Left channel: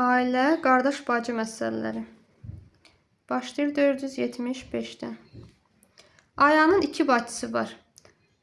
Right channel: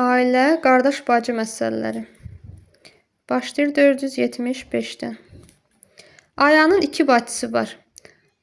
Ailə, qardaş, bacı məsələləri. Başlayır 475-dən. Ayanın 2 bacısı var.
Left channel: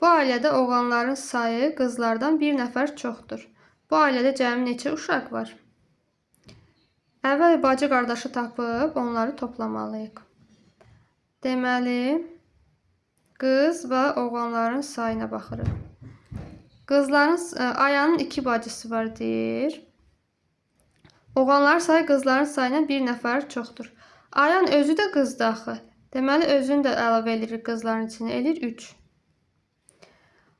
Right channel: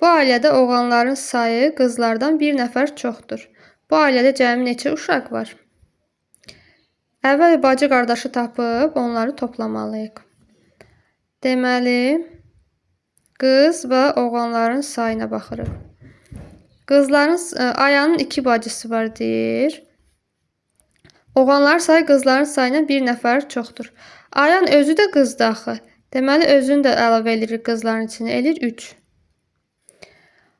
Bu ailədə oğlanların sayı qızlardan bir nəfər çoxdur. Bu ailədə cəmi neçə uşaq var? Əvvəl bacı qardaşı tapıb onları toplamalıyıq. Deməli, qız və oğlanların sayına baxırıq. Ayanın 2 bacısı var deyir. Oğlanların sayı qızların sayından bir nəfər çoxdur. Ayan özü də qızdır axı. Deməli, özünü də əlavə edirik qızların içinə. Eləyir 3.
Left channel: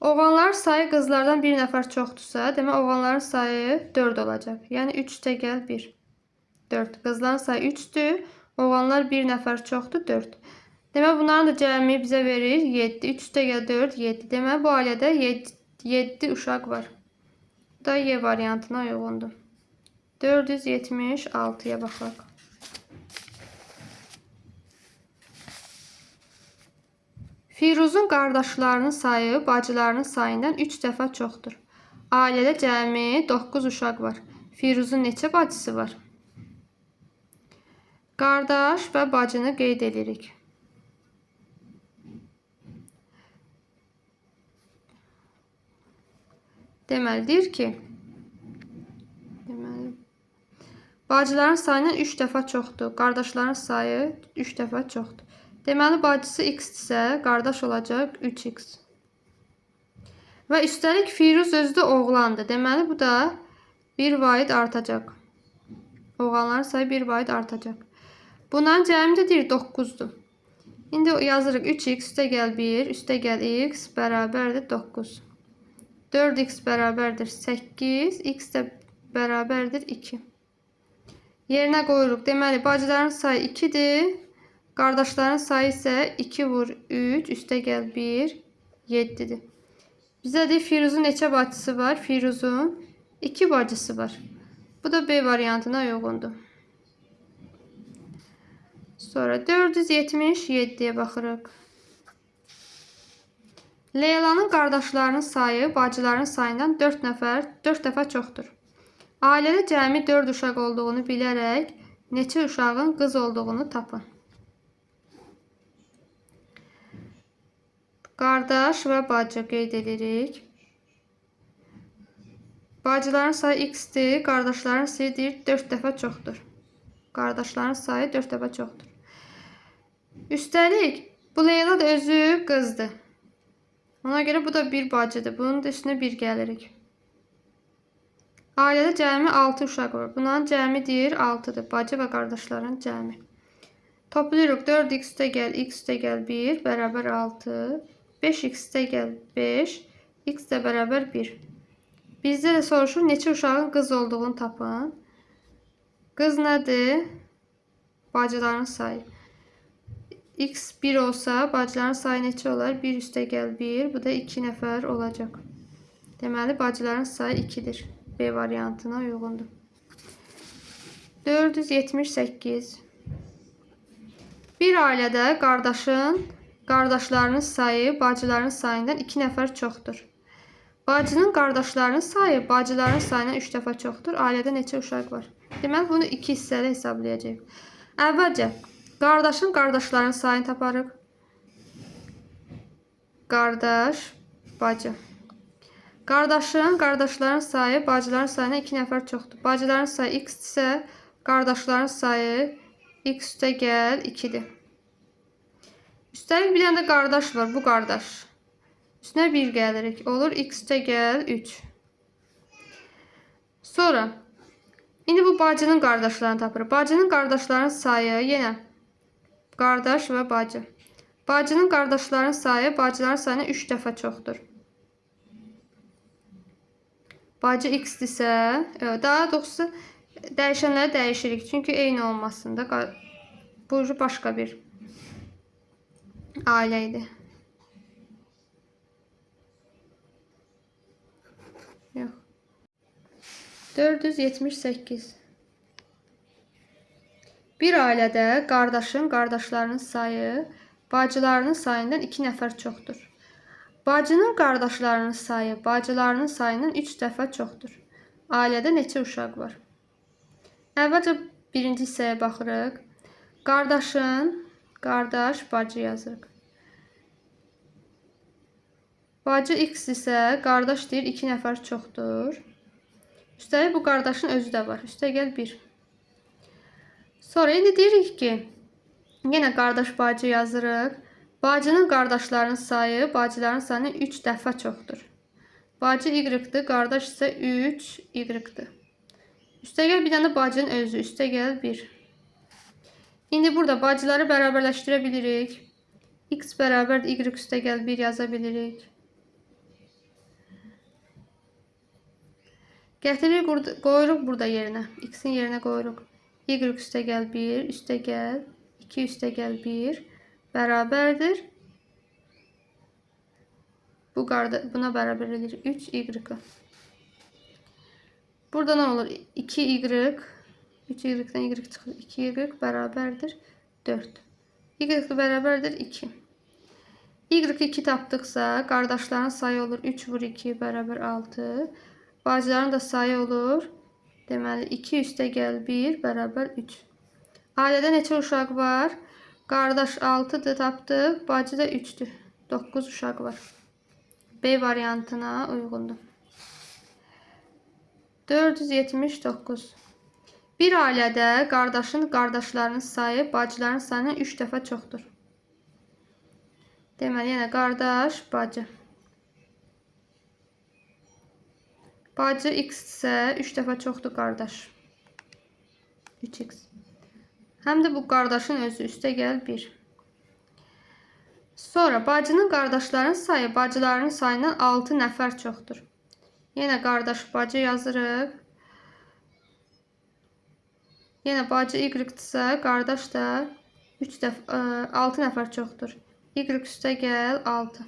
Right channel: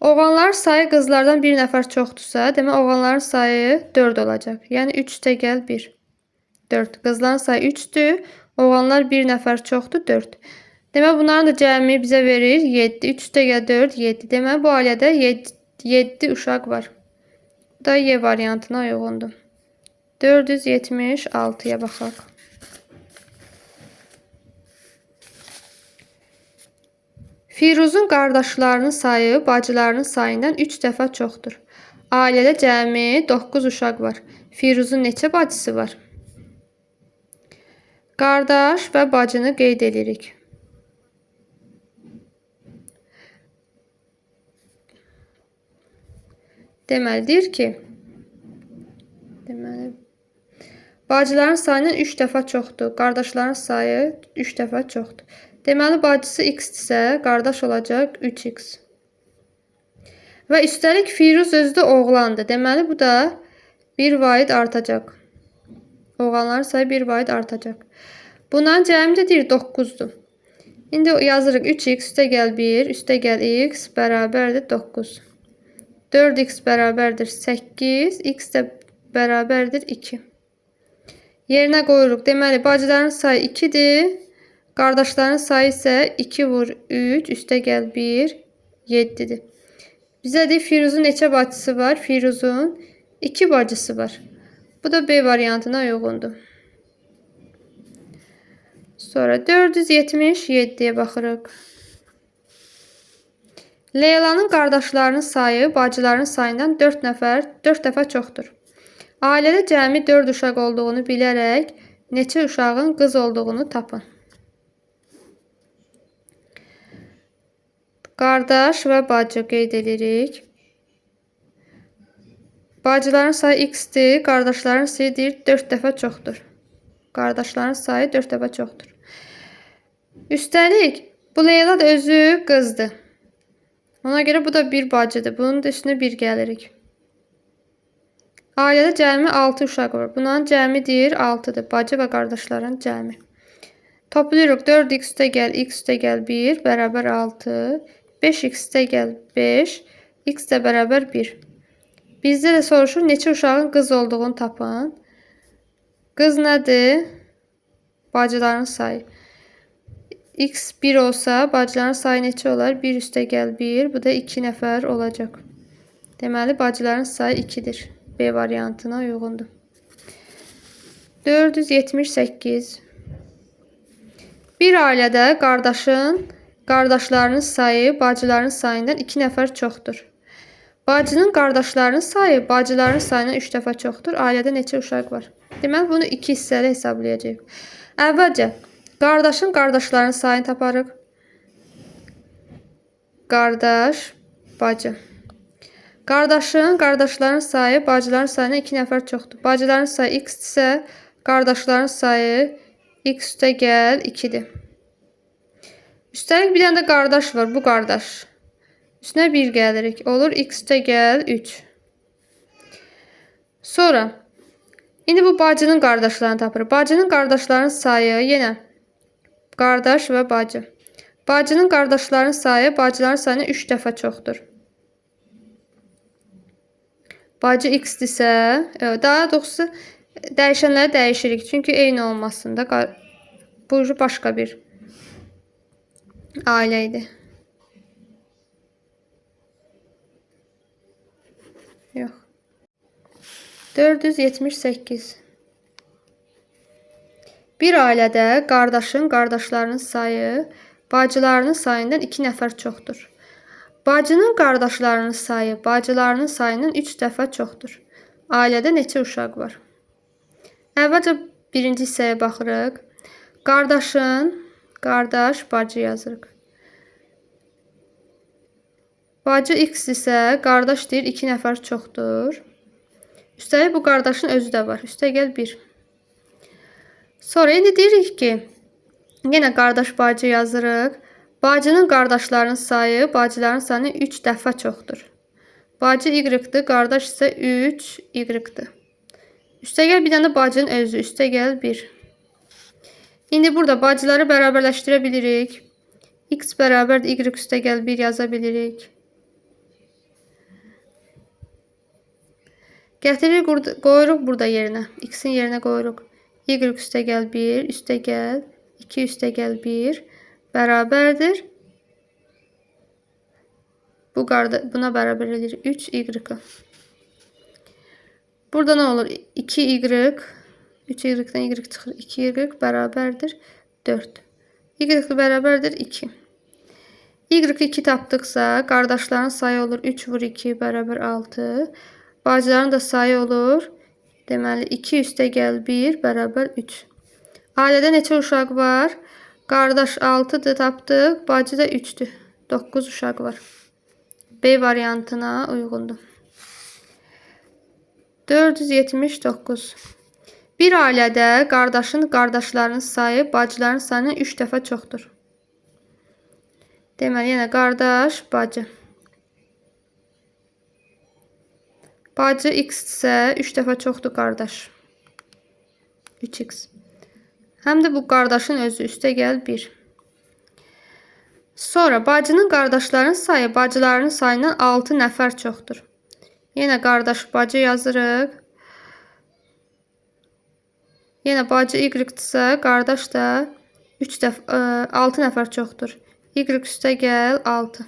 Oğlanların sayı qızlardan bir nəfər çoxdursa, demək oğlanların sayı 4 olacaq. Yəni 3 + 1. 4. Qızların sayı 3-dür. Oğlanlar bir nəfər çoxdur, 4. Demək, bunların da cəmi bizə verir 7. 3 + 4, 7. Demək, bu ailədə 7 uşaq var. Bu da Y variantına uyğundur. 476-ya baxaq. Firuzun qardaşlarının sayı bacılarının sayından 3 dəfə çoxdur. Ailədə cəmi 9 uşaq var. Firuzun neçə bacısı var? Qardaş və bacını qeyd edirik. Deməlidir ki, bacıların sayından 3 dəfə çoxdur. Qardaşların sayı 3 dəfə çoxdur. Deməli, bacısı x-dirsə, qardaş olacaq 3x. Və üstəlik Firuz özü də oğlandır. Deməli, bu da 1 vaid artacaq. Oğlanların sayı 1 vaid artacaq. Bunların cəmi də deyir 9-dur. İndi yazırıq 3x + 1 + x bərabərdir 9. 4x bərabərdir 8, x də bərabərdir 2. Yerinə qoyuruq. Deməli, bacıların sayı 2-dir. Qardaşların sayı isə 2 vur 3 + 1, 7-dir. Bizə deyir, Firuzun neçə bacısı var? Firuzun 2 bacısı var. Bu da B variantına uyğundur. Sonra 477-yə baxırıq. Leylanın qardaşlarının sayı bacıların sayından 4 dəfə çoxdur. Ailədə cəmi 4 uşaq olduğunu bilərək neçə uşağın qız olduğunu tapın. Qardaş və bacı qeyd edirik. Bacıların sayı x-dir, qardaşların sayı deyir 4 dəfə çoxdur. Qardaşların sayı 4 dəfə çoxdur. Üstəlik, bu Leyla da özü qızdır. Ona görə bu da bir bacıdır. Bunun da üstünə 1 gəlirik. Ailədə cəmi 6 uşaq var. Bunların cəmi deyir 6-dır. Bacı və qardaşların cəmi. Toplayırıq. 4x + x + 1 bərabər 6. 5x + 5, x də bərabər 1. Bizdə də soruşur, neçə uşağın qız olduğunu tapın. Qız nədir? Bacıların sayı. X 1 olsa, bacıların sayı neçə olar? 1 + 1, bu da 2 nəfər olacaq. Deməli, bacıların sayı 2-dir. B variantına uyğundur. 478. Bir ailədə qardaşlarının sayı bacıların sayından 2 nəfər çoxdur. Bacının qardaşlarının sayı bacıların sayından 3 dəfə çoxdur. Ailədə neçə uşaq var? Deməli, bunu 2 hissəli hesablayacağıq. Əvvəlcə, qardaşın qardaşlarının sayını taparıq. Qardaş, bacı. Qardaşın qardaşların sayı bacıların sayından 2 nəfər çoxdur. Bacıların sayı x-dirsə, qardaşların sayı x + 2-dir. Üstəlik bir dənə də qardaş var, bu qardaş. Üstünə 1 gəlirik. Olur x + 3. Sonra, indi bu bacının qardaşlarını tapırıq. Bacının qardaşlarının sayı yenə qardaş və bacı. Bacının qardaşlarının sayı bacıların sayından 3 dəfə çoxdur. Bacı x-dirsə, daha doğrusu dəyişənləri dəyişirik. Çünki eyni olmasın da. Bu başqa bir ailə idi. Yox. 478. Bir ailədə qardaşlarının sayı bacılarının sayından 2 nəfər çoxdur. Bacının qardaşlarının sayı bacılarının sayından 3 dəfə çoxdur. Ailədə neçə uşaq var? Əvvəlcə birinci hissəyə baxırıq. Qardaş, bacı yazırıq. Bacı x isə qardaş deyir 2 nəfər çoxdur. Üstəlik bu qardaşın özü də var. Üstəgəl 1. Sonra indi deyirik ki, yenə qardaş bacı yazırıq. Bacının qardaşlarının sayı bacıların sayından 3 dəfə çoxdur. Bacı y-dir, qardaş isə 3 y-dir. Üstəgəl bir dənə bacının özü, üstəgəl 1. İndi burada bacıları bərabərləşdirə bilirik. X bərabərdir y üstəgəl 1 yaza bilirik. Gətiririk, qoyuruq burada yerinə. X-in yerinə qoyuruq. Y üstəgəl 1, üstəgəl 2 üstəgəl 1 bərabərdir. Buna bərabər edir 3y. Burada nə olur? 2y, 3y-dən y çıxır, 2y bərabərdir 4. Y bərabərdir 2. Y-i 2 tapdıqsa, qardaşların sayı olur 3 vur 2 bərabər 6. Bacıların da sayı olur. Deməli, 2 üstəgəl 1 bərabər 3. Ailədə neçə uşaq var? Qardaş 6-dır tapdıq, bacı da 3-dür. 9 uşaq var. B variantına uyğundur. 479. Bir ailədə qardaşlarının sayı bacıların sayından 3 dəfə çoxdur. Deməli, yenə qardaş, bacı. Bacı x isə 3 dəfə çoxdur qardaş. 3x. Həm də bu qardaşın özü üstəgəl 1. Sonra bacının qardaşlarının sayı bacılarının sayından 6 nəfər çoxdur. Yenə qardaş bacı yazırıq. Yenə bacı y-dirsə, qardaş da 6 nəfər çoxdur. Y üstəgəl 6.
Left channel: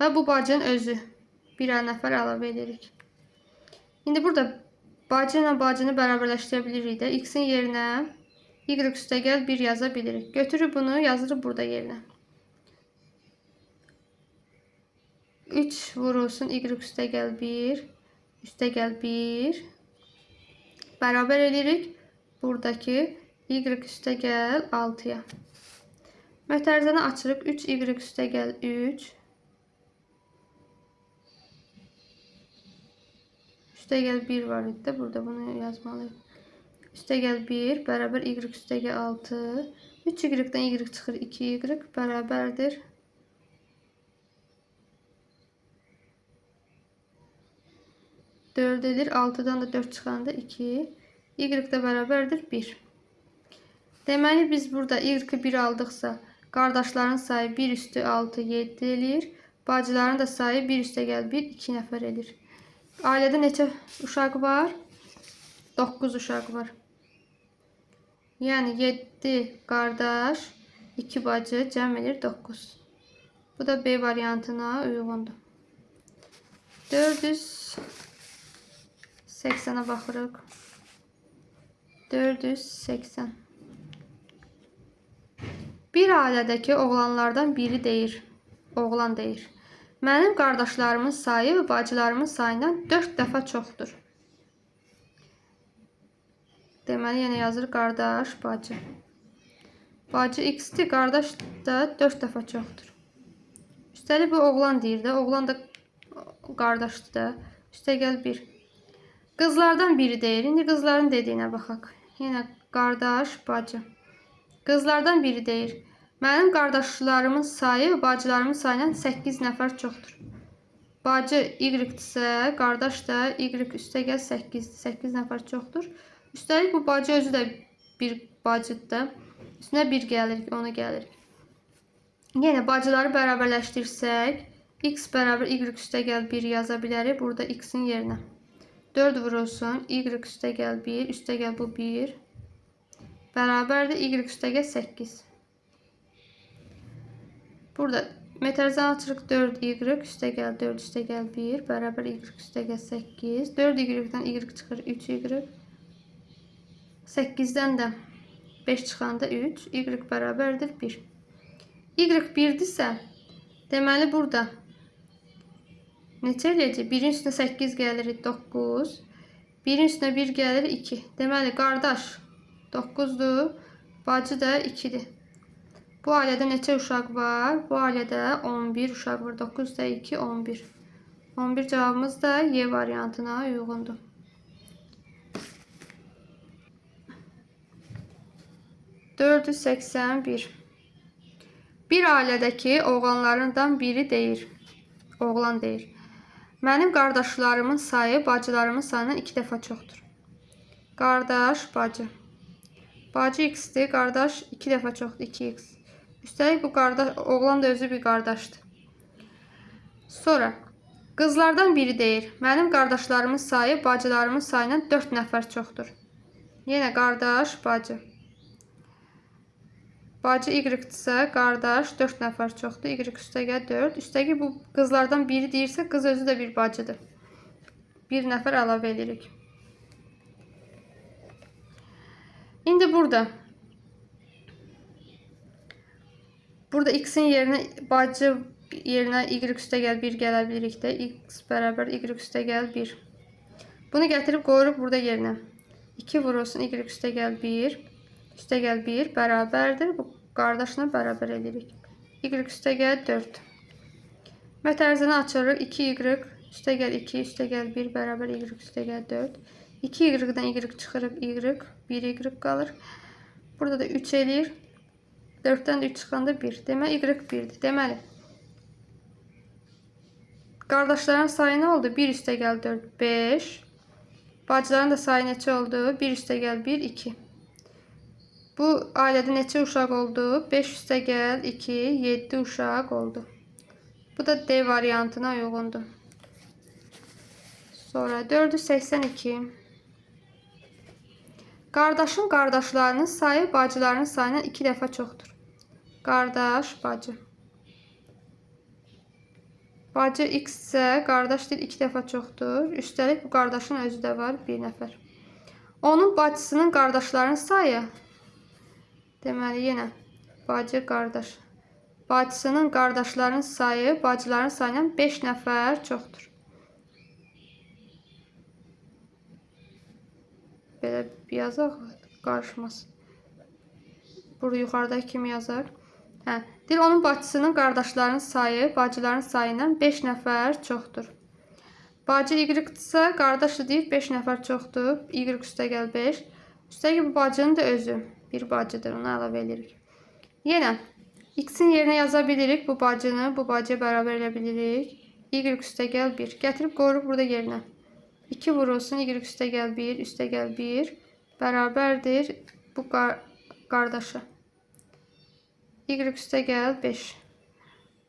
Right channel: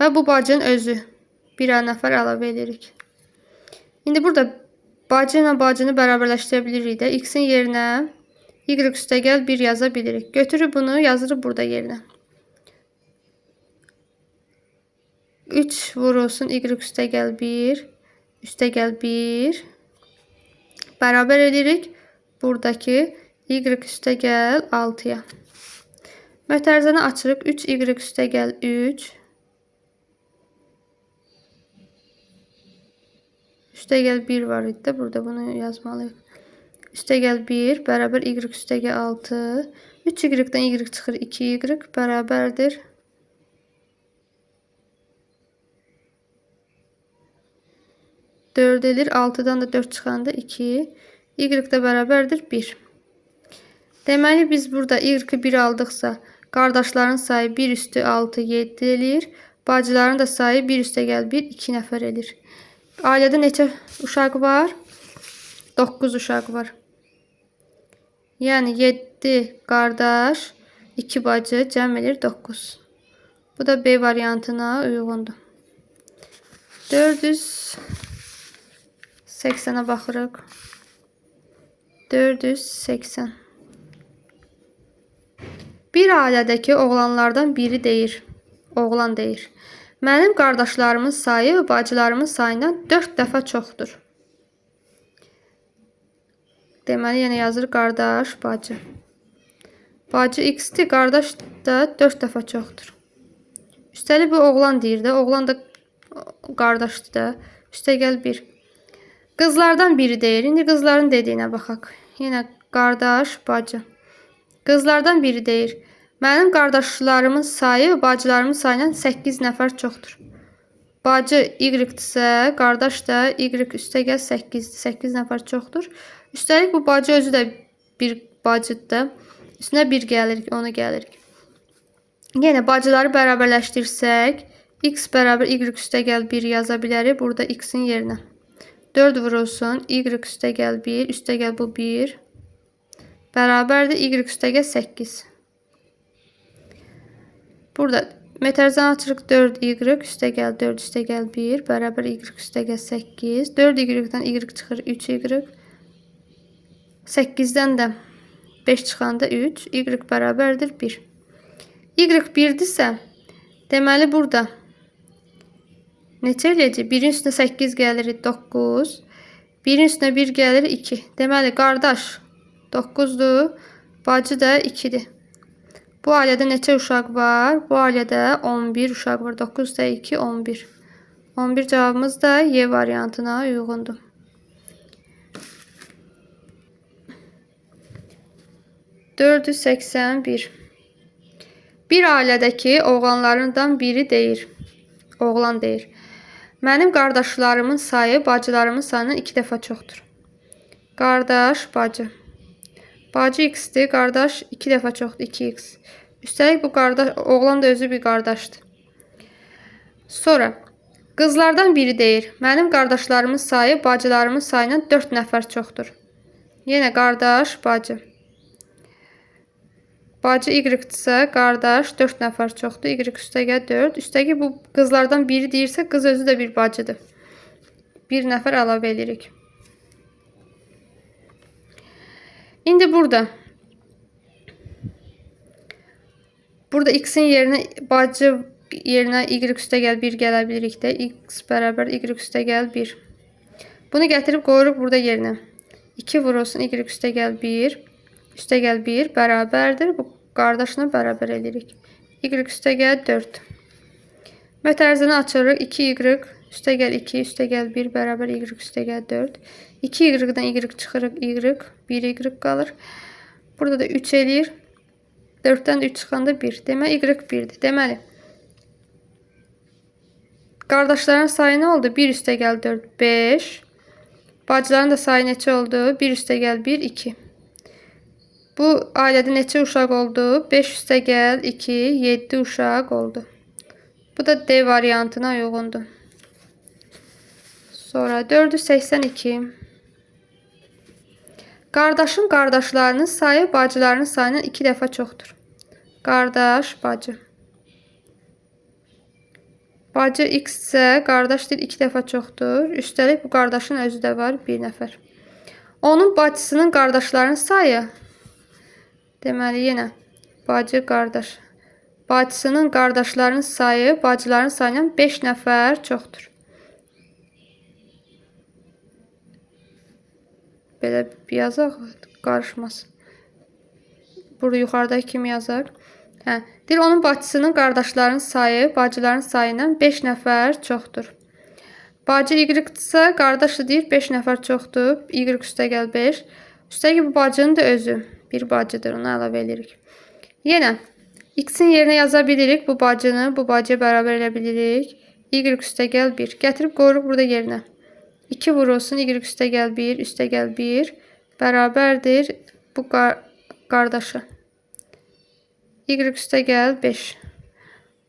Və bu bacının özü. Birər nəfər əlavə edirik. İndi burada bacı ilə bacını bərabərləşdirə bilirik də. X-in yerinə y üstəgəl 1 yaza bilirik. Götürüb bunu yazırıq burada yerinə. 3 vurulsun y üstəgəl 1 üstəgəl 1 bərabər edirik. Buradakı y üstəgəl 6-ya. Mötərizəni açırıq. 3y üstəgəl 3 üstəgəl 1 var idi də. Burada bunu yazmalıyıq. Üstəgəl 1 bərabər y üstəgəl 6. 3y-dən y çıxır 2y bərabərdir. Dörd edir. 6-dan da 4 çıxanda 2. Y də bərabərdir 1. Deməli, biz burada y-i 1 aldıqsa, qardaşların sayı 1 üstü 6, 7 edir. Bacıların da sayı 1 üstəgəl 1, 2 nəfər edir. Ailədə neçə uşaq var? 9 uşaq var. Yəni 7 qardaş, 2 bacı cəm edir 9. Bu da B variantına uyğundur. 480'ə baxırıq. 480. Bir ailədəki oğlanlardan biri deyir. Oğlan deyir. Mənim qardaşlarımın sayı bacılarımın sayından 4 dəfə çoxdur. Deməli, yenə yazır qardaş, bacı. Bacı x-dir, qardaş da 4 dəfə çoxdur. Üstəlik bu oğlan deyir də, oğlan da qardaşdır da. Üstəgəl 1. Qızlardan biri deyir. İndi qızların dediyinə baxaq. Yenə qardaş, bacı. Qızlardan biri deyir. Mənim qardaşlarımın sayı bacılarımın sayından 8 nəfər çoxdur. Bacı y-dirsə, qardaş da y üstəgəl 8-dir. 8 nəfər çoxdur. Üstəlik bu bacı özü də bir bacıdır. Üstünə 1 gəlirik, ona gəlirik. Yenə bacıları bərabərləşdirsək, x bərabər y üstəgəl 1 yaza bilərik. Burada x-in yerinə 4 vurulsun. Y üstəgəl 1, üstəgəl bu 1. Bərabərdir y üstəgəl 8. Burada mötərizəni açırıq. 4y üstəgəl 4 üstəgəl 1 bərabər y üstəgəl 8. 4y-dən y çıxır 3y. 8-dən də 5 çıxanda 3. Y bərabərdir 1. Y 1-dirsə, deməli burada neçə eləyəcək? 1-in üstünə 8 gəlir 9. 1'in üstünə 1 gəlir 2. Deməli, qardaş 9-dur, bacı da 2-dir. Bu ailədə neçə uşaq var? Bu ailədə 11 uşaq var. 9 da 2, 11. 11 cavabımız da Y variantına uyğundur. 481. Bir ailədəki oğlanlarından biri deyir. Oğlan deyir. Mənim qardaşlarımın sayı bacılarımın sayından 2 dəfə çoxdur. Qardaş, bacı. Bacı x-dir, qardaş 2 dəfə çoxdur, 2x. Üstəlik bu qardaş, oğlan da özü bir qardaşdır. Sonra qızlardan biri deyir. Mənim qardaşlarımın sayı bacılarımın sayından 4 nəfər çoxdur. Yenə qardaş, bacı. Bacı y-dirsə, qardaş 4 nəfər çoxdur. Y üstəgəl 4. Üstəgəl bu qızlardan biri deyirsə, qız özü də bir bacıdır. Bir nəfər əlavə edirik. İndi burada x-in yerinə bacı yerinə y üstəgəl 1 gələ bilirik də. X bərabər y üstəgəl 1. Bunu gətirib qoyuruq burada yerinə. 2 vurulsun y üstəgəl 1. Üstəgəl 1 bərabərdir. Bu qardaşla bərabər edirik. Y üstəgəl 4. Mötərizəni açırıq. 2y üstəgəl 2 üstəgəl 1 bərabər y üstəgəl 4. 2y-dən y çıxırıq. Y 1y qalır. Burada da 3 eləyir. 4-dən də 3 çıxanda 1. Deməli, y 1-dir. Deməli, qardaşların sayı nə oldu? 1 üstəgəl 4, 5. Bacıların da sayı neçə oldu? 1 üstəgəl 1, 2. Bu ailədə neçə uşaq oldu? 5 üstəgəl 2, 7 uşaq oldu. Bu da D variantına uyğundur. Sonra 482. Qardaşın qardaşlarının sayı bacılarının sayından 2 dəfə çoxdur. Qardaş, bacı. Bacı x isə qardaş deyil 2 dəfə çoxdur. Üstəlik bu qardaşın özü də var 1 nəfər. Onun bacısının qardaşlarının sayı. Deməli, yenə bacı, qardaş. Bacısının qardaşlarının sayı bacıların sayından 5 nəfər çoxdur. Belə yazaq, qarışmasın. Burada yuxarıdakı kimi yazaq. Deyir, onun bacısının qardaşlarının sayı bacıların sayından 5 nəfər çoxdur. Bacı y-dirsə, qardaşı deyir 5 nəfər çoxdur. Y üstəgəl 5. Üstəgəl bu bacının da özü. Bir bacıdır, onu əlavə edirik. Yenə x-in yerinə yaza bilirik. Bu bacını bu bacıya bərabər elə bilirik. Y üstəgəl 1. Gətirib qoyuruq burada yerinə. 2 vurulsun y üstəgəl 1 üstəgəl 1 bərabərdir bu qardaşı. Y üstəgəl 5.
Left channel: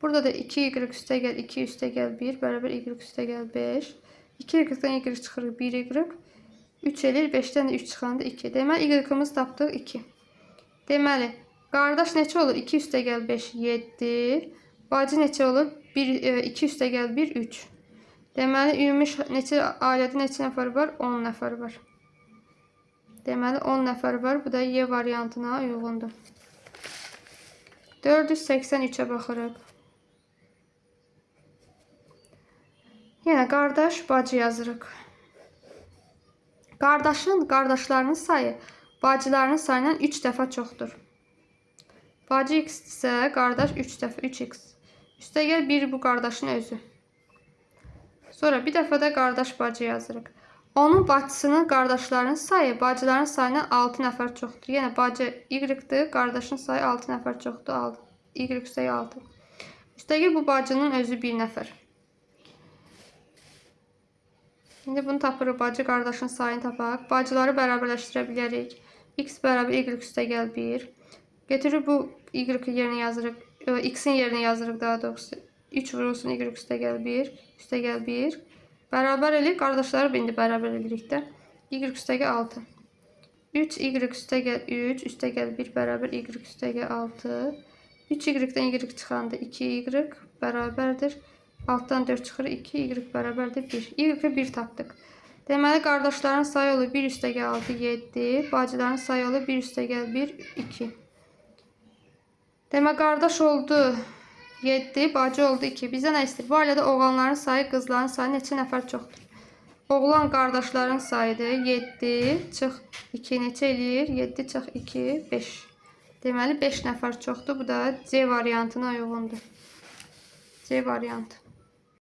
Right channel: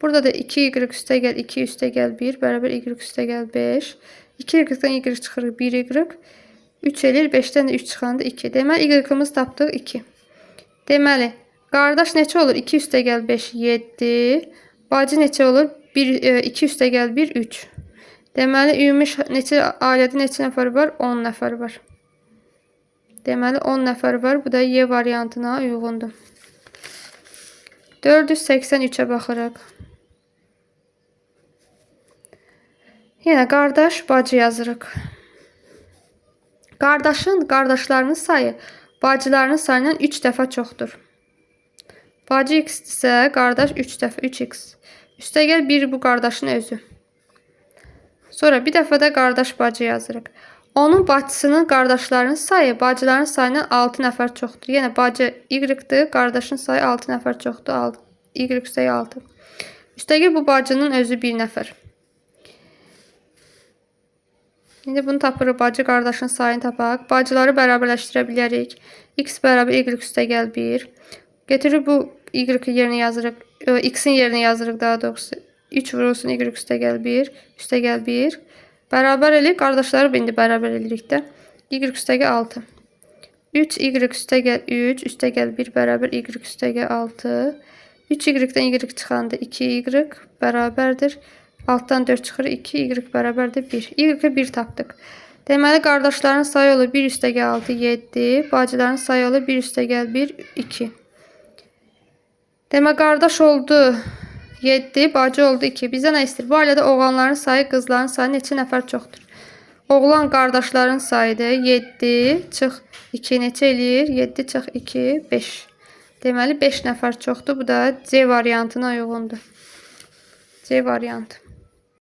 Burada da 2y üstəgəl 2 üstəgəl 1 bərabər y üstəgəl 5. 2y-dən y çıxırıq 1y. 3 eləyir. 5-dən də 3 çıxanda 2. Deməli, y-ımız tapdıq 2. Deməli, qardaş neçə olur? 2 üstəgəl 5, 7. Bacı neçə olur? 2 üstəgəl 1, 3. Deməli, ümumi ailədə neçə nəfər var? 10 nəfər var. Deməli, 10 nəfər var. Bu da Y variantına uyğundur. 483-ə baxırıq. Yenə qardaş, bacı yazırıq. Qardaşın qardaşlarının sayı bacılarının sayından 3 dəfə çoxdur. Bacı x-dirsə, qardaş 3 dəfə 3x. Üstəgəl 1 bu qardaşın özü. Sonra bir dəfə də qardaş, bacı yazırıq. Onun bacısının qardaşlarının sayı bacıların sayından 6 nəfər çoxdur. Yəni, bacı y-dir, qardaşın sayı 6 nəfər çoxdur. Y üstəgəl 6. Üstəgəl bu bacının özü 1 nəfər. İndi bunu tapırıq. Bacı qardaşın sayını tapaq. Bacıları bərabərləşdirə bilərik. X bərabər y üstəgəl 1. Getiririk bu y-i yerinə yazırıq. X-in yerinə yazırıq daha doğrusu. 3 vurulsun y üstəgəl 1. Üstəgəl 1. Bərabər eləyik. Qardaşları indi bərabər eləyirik də. Y üstəgəl 6. 3y üstəgəl 3. Üstəgəl 1 bərabər y üstəgəl 6. 3y-dən y çıxanda 2y bərabərdir. Altdan 4 çıxır 2, y bərabərdir 1. Y 1 tapdıq. Deməli, qardaşların sayı olur 1 üstəgəl 6, 7. Bacıların sayı olur 1 üstəgəl 1, 2. Demək, qardaş oldu 7, bacı oldu 2. Bizə nə istəyir? Bu ailədə oğlanların sayı qızların sayı neçə nəfər çoxdur? Oğlan qardaşların sayıdır. 7 çıx 2 neçə eləyir? 7 çıx 2, 5. Deməli 5 nəfər çoxdur. Bu da C variantına uyğundur. C variantı.